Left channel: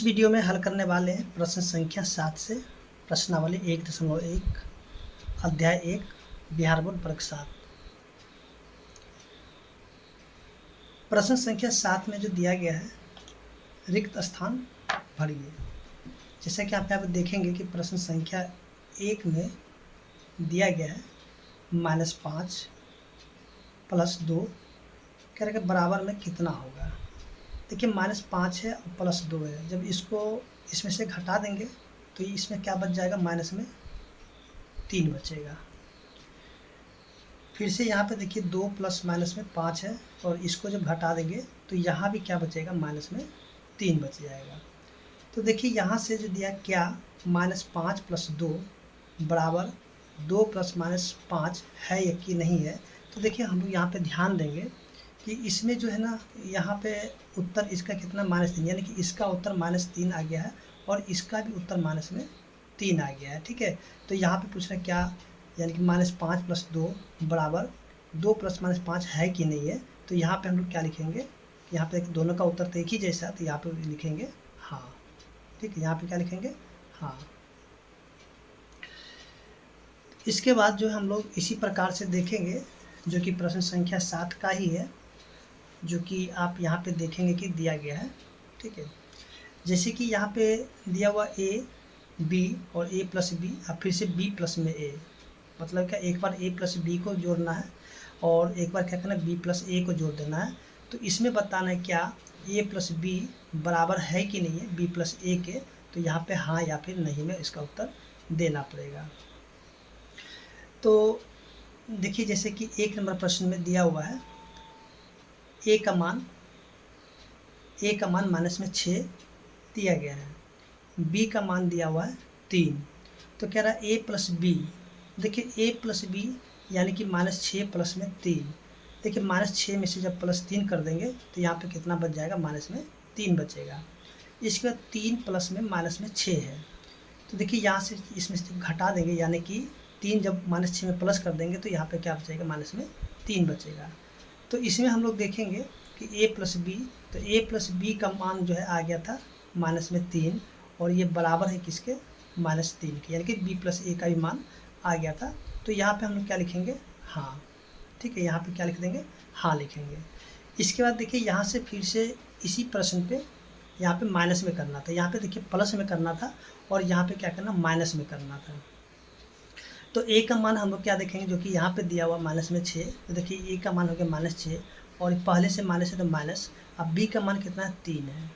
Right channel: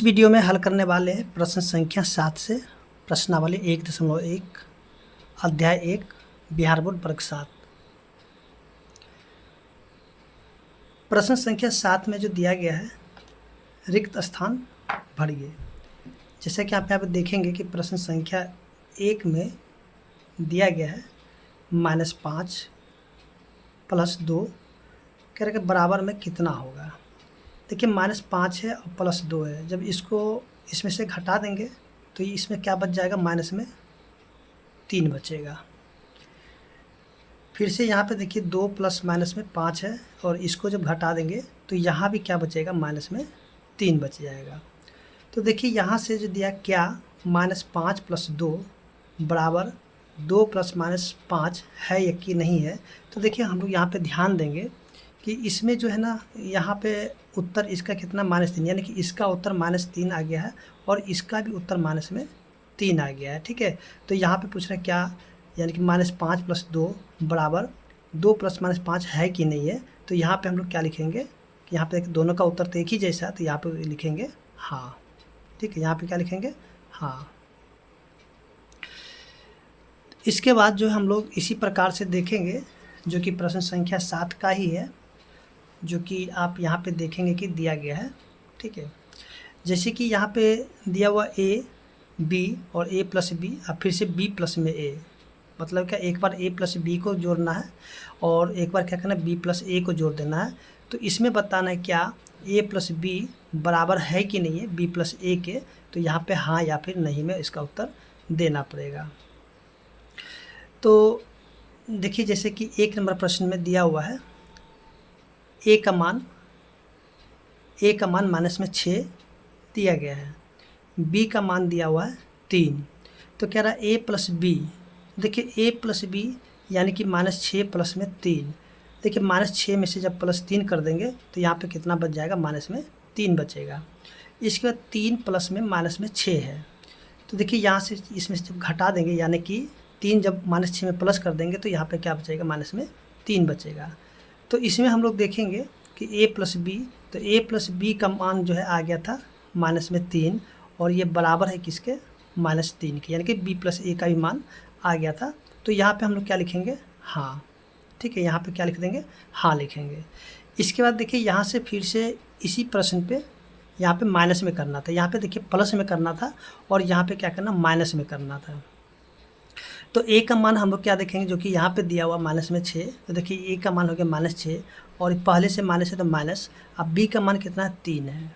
इस वीडियो में हल करने वाले हैं प्रश्न संख्या 7 से प्रश्नावली 1.1 अध्याय 1 बिहार बोर्ड वर्ग 7। प्रश्न संख्या 7 में जो दिया गया है रिक्त स्थान भरिए। जैसा कि आप यहाँ पर देखेंगे कि प्रश्न संख्या 1 में दिया गया है -5 + 2 कह रहे कि बराबर में कितना होगा। देखिए -5 है और +2 है, जब इसको इसमें से घटा देंगे तो इसमें क्या बच जाएगा, माइनस में 3 बचेगा। फिर से यहाँ पे देखिए 2 + माइनस में 5 है और इसको जब घटा देंगे तो यहाँ भी क्या बचेगा, माइनस में 3 बच जाएगा। तो देखिए यहाँ से जो दिया क्या -5 + 2 बराबर 2 ± 5 है या कि नहीं है। तो देखिए हम लोग यहाँ पे ध्यान देंगे कि इसमें जो है ना, यहाँ पे उत्तर इसका कितना -3, यानी कि इसका उत्तर -3 आ गया है और इसका भी उत्तर -3 आ गया है। ठीक है, तो यहाँ पे पूछ रहे हैं क्या, यानी कि -5 + 2 बराबर 2 ± 5 है कि नहीं है। तो यहाँ पे हम लोग क्या लिखेंगे कि यहाँ पे दोनों का उत्तर तो एक ही जैसा है, तो यहाँ पे लिखेंगे हाँ। ठीक है, यहाँ पे क्या लिखेंगे, हाँ। इसके बाद जो हम लोग इसी प्रकार से देखेंगे जो कि प्रश्न संख्या 7 का ही है, जो कि आप यहाँ पे देखेंगे कि दिया गया है। ठीक है, जैसे कि यहाँ पे दिया हुआ a b और a + b और फिर से b + में a, मतलब क्या एक बार a + b को जोड़ना है और एक बार क्या करना है, b + a को जोड़ देना है। तो इसमें बताना है क्या a + b बराबर है कि नहीं है b + a के। तो यहाँ पे हाँ या फिर नहीं में इसका उत्तर देना पड़ेगा। तो देखिए जैसे कि 1 नंबर प्रश्न में दिया हुआ है a का मान -6 दिया गया है, b का मान दिया हुआ है 3। तो कह रहा है a + b। देखिए a + b यानी कि -6 + में 3। देखिए -6 में से जब +3 कर देंगे तो यहाँ पे कितना बच जाएगा, -3 बचेगा। इसके बाद 3 + में -6 है। तो देखिए यहाँ से इसमें से जब घटा देंगे, यानी कि 3 जब -6 में प्लस कर देंगे तो यहाँ पे क्या बचेगा, -3 बचेगा। तो इसमें हम लोग देखेंगे कि a + b, तो a + b का मान जो है आ गया था -3 और ये बराबर है किसके, -3 के, यानी कि b + a का भी मान आ गया था। तो यहाँ पे हम लोग क्या लिखेंगे, हाँ। ठीक है, यहाँ पे क्या लिख देंगे, हाँ लिखेंगे। इसके बाद देखिए यहाँ से फिर से इसी प्रश्न पे यहाँ पे माइनस में करना था, यहाँ पे देखिए प्लस में करना था और यहाँ पे क्या करना, माइनस में करना था। तो a का मान हम लोग क्या देखेंगे, जो कि यहाँ पे दिया हुआ -6। तो देखिए a का मान हो गया -6 और पहले से माइनस है तो माइनस। अब b का मान कितना है, 3 है।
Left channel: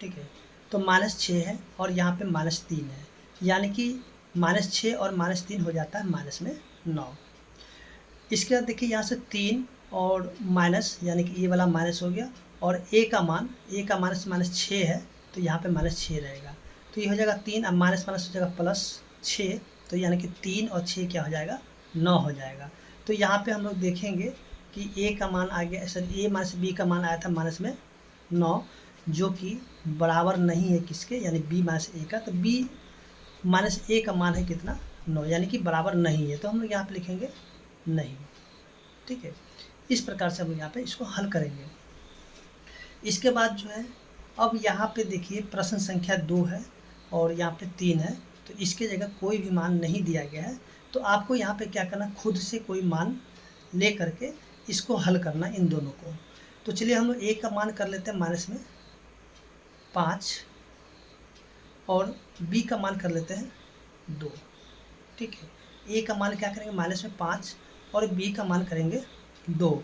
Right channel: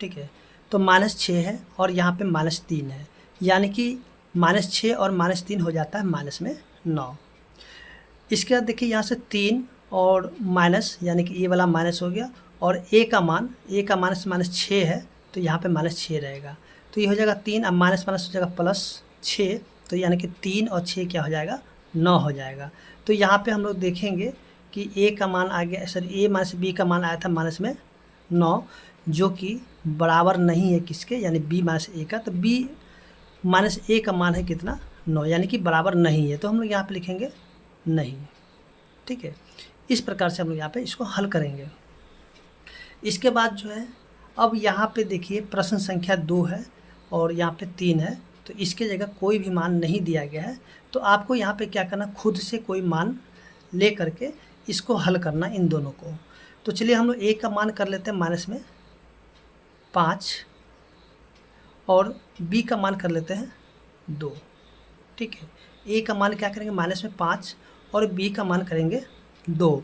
ठीक है, तो -6 है और यहाँ पे -3 है, यानी कि -6 और -3 हो जाता है -9। इसके बाद देखिए यहाँ से 3 और माइनस, यानी कि ये वाला माइनस हो गया और a का मान -6 है, तो यहाँ पे -6 रहेगा। तो ये हो जाएगा 3, अब माइनस हो जाएगा +6, तो यानी कि 3 और 6 क्या हो जाएगा, 9 हो जाएगा। तो यहाँ पे हम लोग देखेंगे कि a का मान आ गया, सॉरी a - b का मान आया था -9, जो कि बराबर नहीं है किसके, यानी b - a का। तो b - a का मान है कितना, 9, यानी कि बराबर नहीं है। तो हम लोग यहाँ पे लिखेंगे नहीं। ठीक है, इस प्रकार से हम लोग यहाँ पे इसको हल करेंगे। इसके बाद जो है, अब यहाँ पे देखिए प्रश्न संख्या 2 है और यहाँ पे 3 है, तो इसके जगह कोई भी मान नहीं दिया गया है। तो आपको यहाँ पे क्या करना, खुद से कोई मान ले करके इसको हल करना इन दोनों को। तो चलिए हम लोग a का मान कर लेते हैं -5 और b का मान कर लेते हैं 2। ठीक है, a का मान क्या करेंगे, -5 और b का मान करेंगे 2।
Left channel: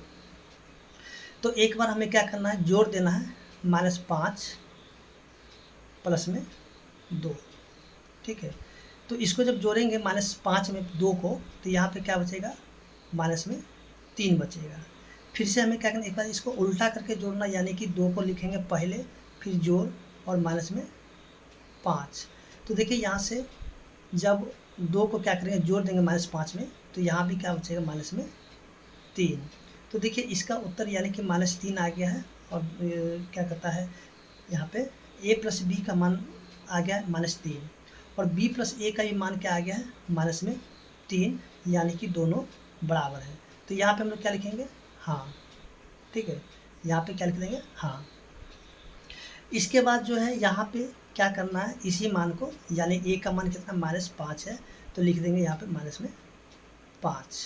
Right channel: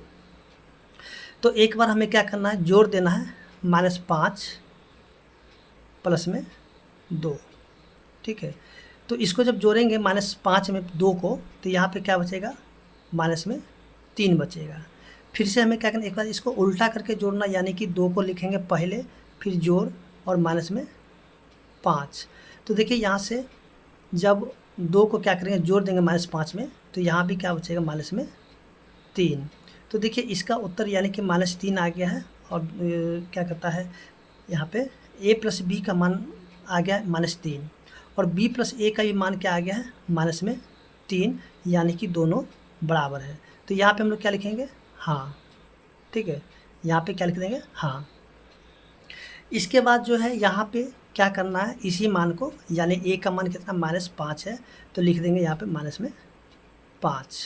तो एक बार हमें क्या करना है, जोड़ देना है -5 + 2। ठीक है, तो इसको जब जोड़ेंगे -5 में 2 को, तो यहाँ पे क्या बचेगा, -3 बचेगा। फिर से हमें क्या करना, एक बार इसको उल्टा करके जोड़ना, यानी कि 2 को लिखेंगे पहले, फिर जोड़ और -5। तो देखिए यहाँ से जब 2 को क्या करेंगे, जोड़ देंगे -5 में, तो यहाँ भी क्या बचेगा, -3। तो देखिए इसका उत्तर यानी कि -3 आ गया है। और क्या कहता है, यहाँ पे a + b का मान आ गया है -3 और b + a का भी मान क्या आ गया है, -3, यानी कि दोनों बराबर है। तो यहाँ पे हम लोग क्या लिखेंगे, हाँ। ठीक है, यहाँ पे क्या लिख देंगे, हाँ। इसके बाद जो है यहाँ पे क्या करना है, इसी मान को यानी a का मान कितना -5 है तो लिख देंगे यहाँ पे माइनस में 5।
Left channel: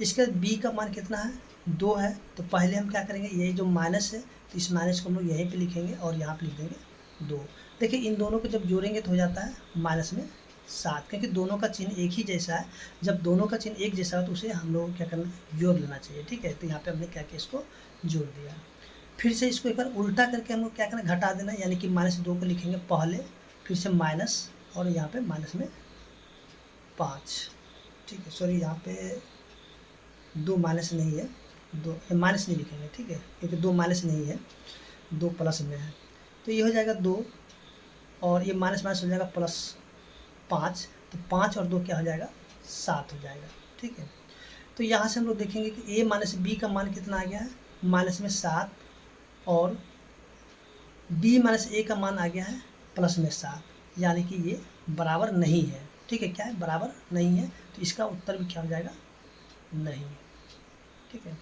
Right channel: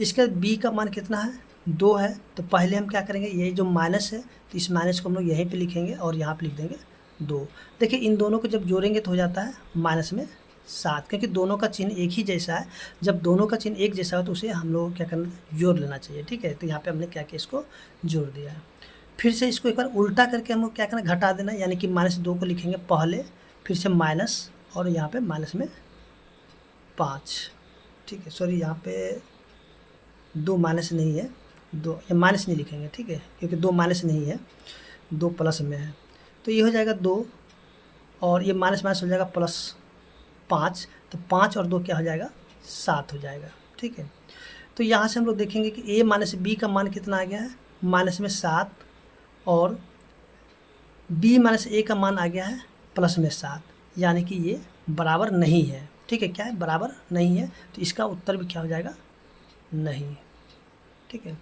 इसके बाद b का मान कितना है 2 है, तो पहले हम क्या करेंगे, ये जो माइनस है तो इस माइनस को हम लोग यहीं पे लिखेंगे और यहाँ पे लिख देंगे 2। देखिए इन दोनों को जब जोड़ेंगे तो हो जाता है -7, क्योंकि दोनों का चिन्ह एक ही जैसा है। जब दोनों का चिन्ह एक जैसा हो तो उसे हम लोग क्या करना है, जोड़ लेना चाहिए। ठीक है, तो यहाँ पे हमने क्या किया, इसको जोड़ दिया। फिर से इसको एक बार उल्टा करके हम लोग क्या करना, घटा देना, यानी कि -2 को लिखेंगे पहले, फिर से माइनस और यहाँ पे माइनस में 5। ठीक है, सॉरी यहाँ पे 2 माइनस नहीं है, 2 माइनस नहीं लिखेंगे। ठीक है, क्योंकि 2 माइनस नहीं है, 2 प्लस में है, तो ये हो जाएगा 2 और ये माइनस माइनस हो जाएगा +5, तो 5 और 2 क्या हो जाएगा, 7 हो जाएगा। ठीक है, तो यहाँ से हम लोग देखेंगे कि a माइनस b का मान कितना आ गया है, -7, और b माइनस a का मान आ गया है +7, यानी कि ये बराबर नहीं है। ठीक है, क्या है, बराबर नहीं है, तो इसका उत्तर भी क्या हो जाएगा, नहीं। ठीक है,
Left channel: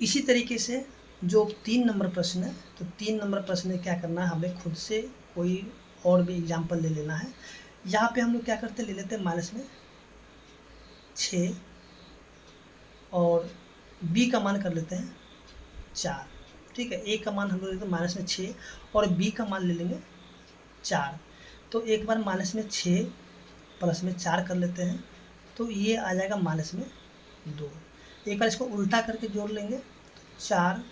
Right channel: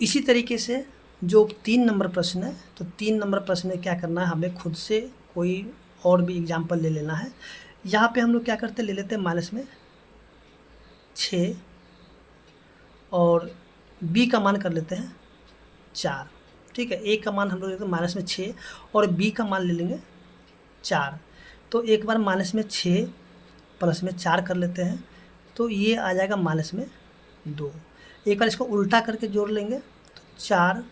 इसी तरीके से जो 3 नंबर प्रश्न है, तो 3 नंबर प्रश्न में क्या करना है, हमें खुद से कोई और भी एग्जाम्पल ले लेना है। यहाँ पे हम लोग क्या करते हैं, ले लेते हैं माइनस में 6 और b का मान कर लेते हैं 4। ठीक है, a का मान हम लोग लेते हैं माइनस में 6 और b का मान ले लेंगे 4। तो एक बार माइनस में 6 प्लस में 4 कर लेते हैं, तो ये आ जाएगा माइनस में 2। एक बार इसको उल्टा करके जोड़ लेंगे, तो 4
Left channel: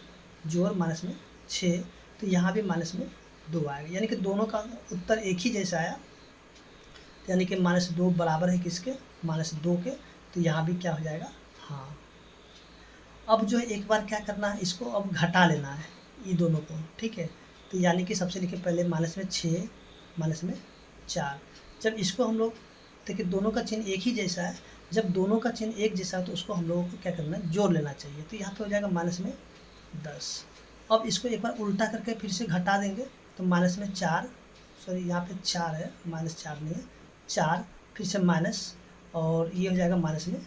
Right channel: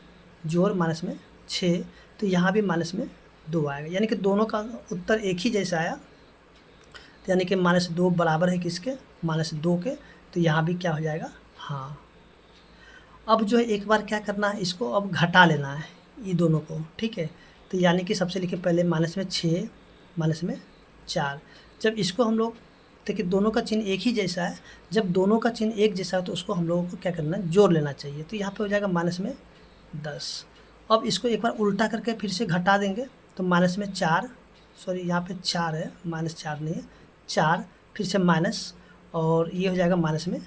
जोड़ माइनस में 6, तो यहाँ भी माइनस में 2 आएगा, यानी कि दोनों का उत्तर एक ही जैसा आया, यानी कि -2 बराबर है किसके, -2 के, तो यहाँ भी क्या हो जाएगा, हाँ। अब जो है एक बार क्या करना है, इसको अब घटा लेना है ये दोनों को। ठीक है, तो यानी कि सबसे लिखे पहले माइनस में 6 माइनस में 4। जब इसको हम लोग देखिए दोनों का चिन्ह एक ही जैसा है, जब दोनों का चिन्ह एक जैसा है तो उसको हम लोगों को क्या करना है, जोड़ लेना चाहिए। तो यहाँ पे हो जाएगा माइनस में 10। अब इसको एक बार उल्टा करके फिर से घटा देंगे, तो माइनस में 4, सॉरी यहाँ पे 4 है, -4 नहीं है, 4, फिर से माइनस और ये हो जाएगा माइनस में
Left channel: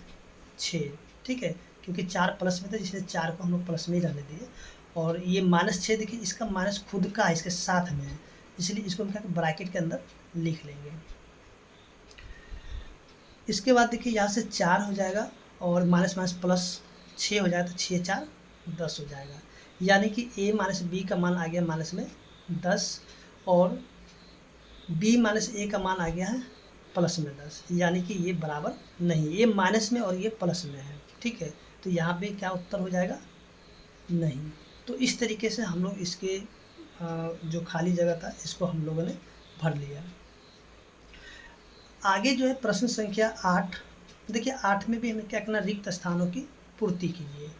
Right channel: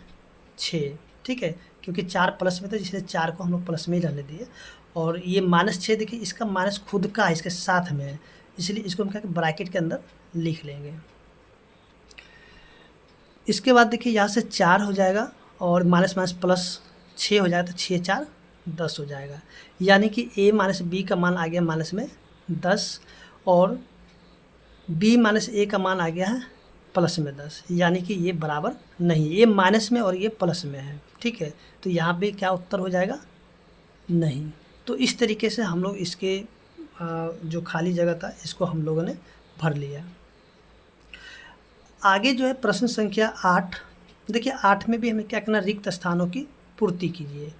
6। ठीक है, क्योंकि 4 प्लस में था, जिससे 4 को हम लोग प्लस में ही रहने दिए। और ये -6 देखिए इसका माइनस खुद का है, इसके साथ में है, इसलिए इसको हम क्या ब्रैकेट के अंदर लिख लेंगे। इसके बाद देखिए यहाँ से 4 हो जाएगा और माइनस माइनस प्लस 6 हो जाएगा, तो 6 4 10 हो जाएगा, यानी कि a माइनस b का मान आ गया माइनस में 10 और b माइनस a का मान आ गया है प्लस में 10, यानी कि ये बराबर नहीं, ये माइनस में और ये प्लस में है। ठीक है, तो यहाँ पे क्या उत्तर हो जाएगा, नहीं। तो इस तरीके से हम लोग इसके जो खाली जगह था इसको हम लोगों ने भर लिया। आगे जो है प्रश्न संख्या 8, देखिए 8 में भी हमें क्या करना, रिक्त स्थानों की पूर्ति कीजिए।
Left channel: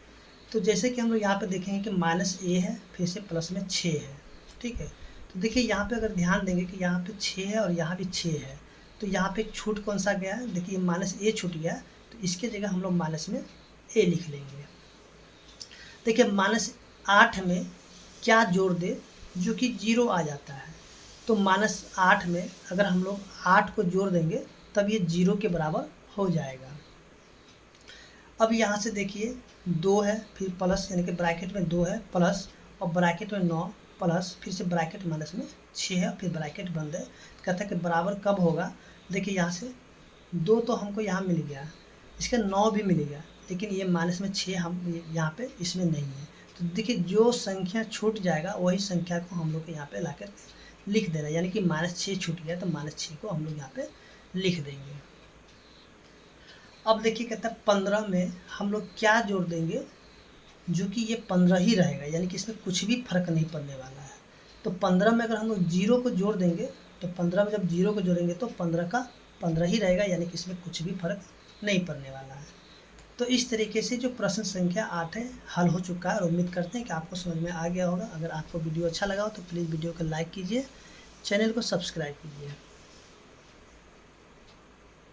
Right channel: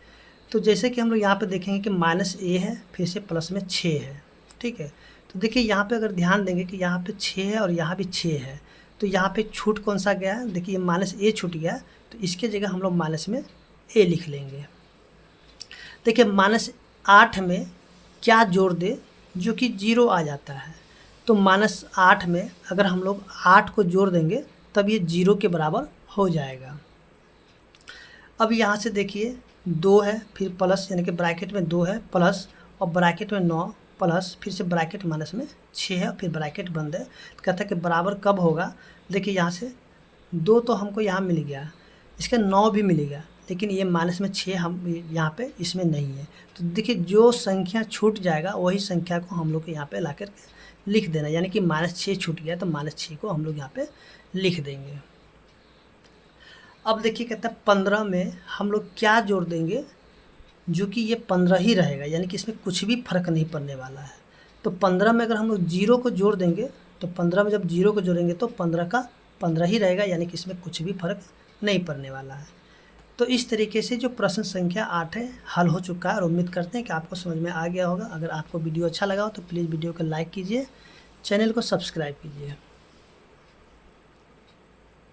तो जैसे कि हम लोग यहाँ पे देखेंगे कि -a है, फिर से प्लस में 6 है। ठीक है, तो देखिए यहाँ पे अगर ध्यान देंगे कि यहाँ पे 6 है और यहाँ भी 6 है, तो यहाँ पे छूट कौन सा गया है, देखिए -a छूट गया, तो इसके जगह हम लोग माइनस में a लिख लेंगे। देखिए -8 में क्या जोड़ दे जो कि 0 आ जाता है, तो -8 में अगर हम लोग 8 को जोड़ देंगे तब ये 0 के बराबर हो जाएगा। अब यहाँ से देखिए 2 है, फिर प्लस, यानी कि ब्रैकेट में 2 है प्लस और ब्रैकेट में 9 प्लस, फिर से ब्रैकेट माइनस में 6 है, फिर ब्रैकेट बंद है। कहता है कि बराबर कब होगा, देखिए यहाँ से 2 तो हमको यहाँ मिल गया, इसका 9 भी मिल गया, लेकिन ये माइनस में 6 हम यहाँ पे इसमें नहीं है। तो देखिए जो संख्या छूट जाएगा वही संख्या को हम लोग को यहाँ पे ला कर लिख देना, यानी कि -6 छूट गया तो -6 को हम लोग यहाँ पे लिख देंगे। अब देखिए कहता है 15 में हम लोग क्या जोड़ देंगे जो कि ये 15 ही रहेगा, यानी कि इसमें कुछ भी फर्क नहीं पड़ने वाला है। तो 15 में अगर हम लोग 0 को जोड़ देंगे, तो 15 में जब 0 को जोड़ेंगे तो 15 का 15 ही रहेगा, यानी कि इसमें कुछ भी फर्क नहीं पड़ने वाला है। तो इस तरीके से जो प्रश्न संख्या 8 है हल हो चुका है, और उम्मीद करते हैं कि आपको समझ में आ गया होगा। अगर आपको वीडियो अच्छा लगा हो तो प्लीज़ वीडियो को लाइक कीजिए, चैनल को सब्सक्राइब कीजिए।